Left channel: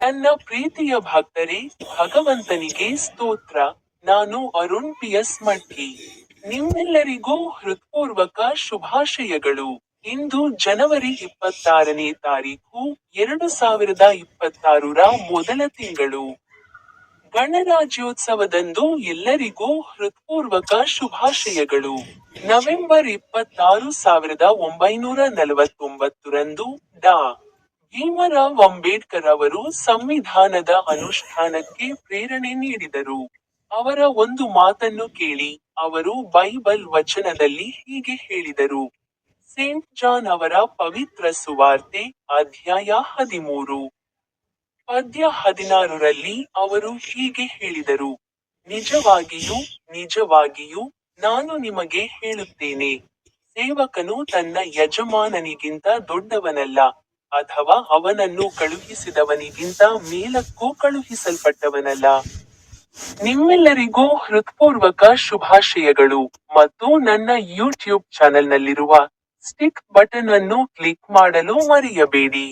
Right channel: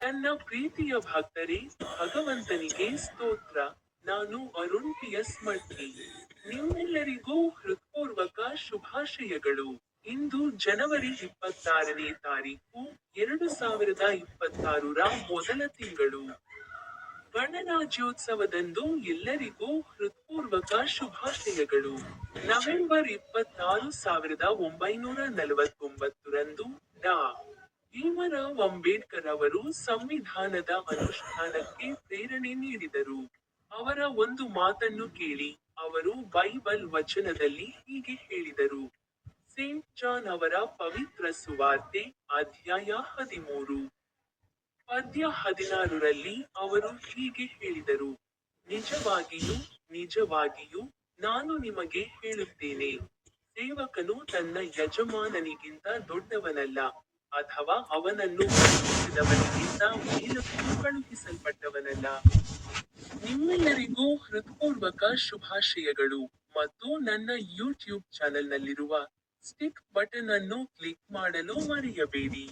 ನನ್ನ ಪ್ರೀತಿಯ ಭಕ್ತರೇ, ಭಗವಂತನಿಗೆ ಸ್ತೋತ್ರ. ನಾನು ಅರುಣ್ ಪಿಎಸ್ ಮಠಿ. ನಿಮ್ಮೆಲ್ಲರಿಗೂ ಹೃತ್ಪೂರ್ವಕ ಶುಭಾಶಯಗಳು. ಇಂದು ಜನವರಿ 26ನೇ ತಾರೀಖು 2026ರ ಮೊದಲ ತಿಂಗಳು. ಗಣರಾಜ್ಯೋತ್ಸವದಂದು ಎಲ್ಲರಿಗೂ ಹೃತ್ಪೂರ್ವಕ ಶುಭಾಶಯಗಳು. ನವೆಂಬರ್ 26, 1949ರಂದು ಡಾ. ಭೀಮರಾವ್ ಅಂಬೇಡ್ಕರ್ ಅವರು ಸಂವಿಧಾನದ ಅನುಷ್ಠಾನಕ್ಕೆ ಪ್ರೇರಣೆ ನೀಡಿದರು. ಅವರ ಒಂದು ಮಾತನ್ನು ಕೇಳಿ. ಅವರು ಬೈಬಲ್ ವಚನದಲ್ಲಿ ಹೀಗೆ ಹೇಳಿದರು. ಸೇಂಟ್ ಜಾನ್ ಅವರ ಪವಿತ್ರ ಸುವಾರ್ತೆ, ಅಧ್ಯಾಯ 13, ಪದ್ಯ 16ರಲ್ಲಿ ಅವರು ಹೀಗೆ ಹೇಳಿದರು. ನಿಜವಾಗಿಯೂ, ನಿಜವಾಗಿಯೂ, ನಾನು ನಿಮಗೆ ಹೇಳುತ್ತೇನೆ, ಸೇವಕನು ತನ್ನ ಯಜಮಾನನಿಗಿಂತ ದೊಡ್ಡವನಲ್ಲ, ಅಥವಾ ಅವನನ್ನು ಕಳುಹಿಸಿದವನಿಗಿಂತ ಮೇಲಕ್ಕೂ ಕಳುಹಿಸಲ್ಪಟ್ಟವನಲ್ಲ. ನಿಮ್ಮೆಲ್ಲರಿಗೂ ಹೃತ್ಪೂರ್ವಕ ಶುಭಾಶಯಗಳು. ಮತ್ತು ನನ್ನ ಯೂಟ್ಯೂಬ್ ಚಾನೆಲ್ನಲ್ಲಿರುವ ಸ್ಟಿಕ್ ಬಟನ್ ಅನ್ನು ಕ್ಲಿಕ್ ಮಾಡಲು ಮರೆಯಬೇಡಿ.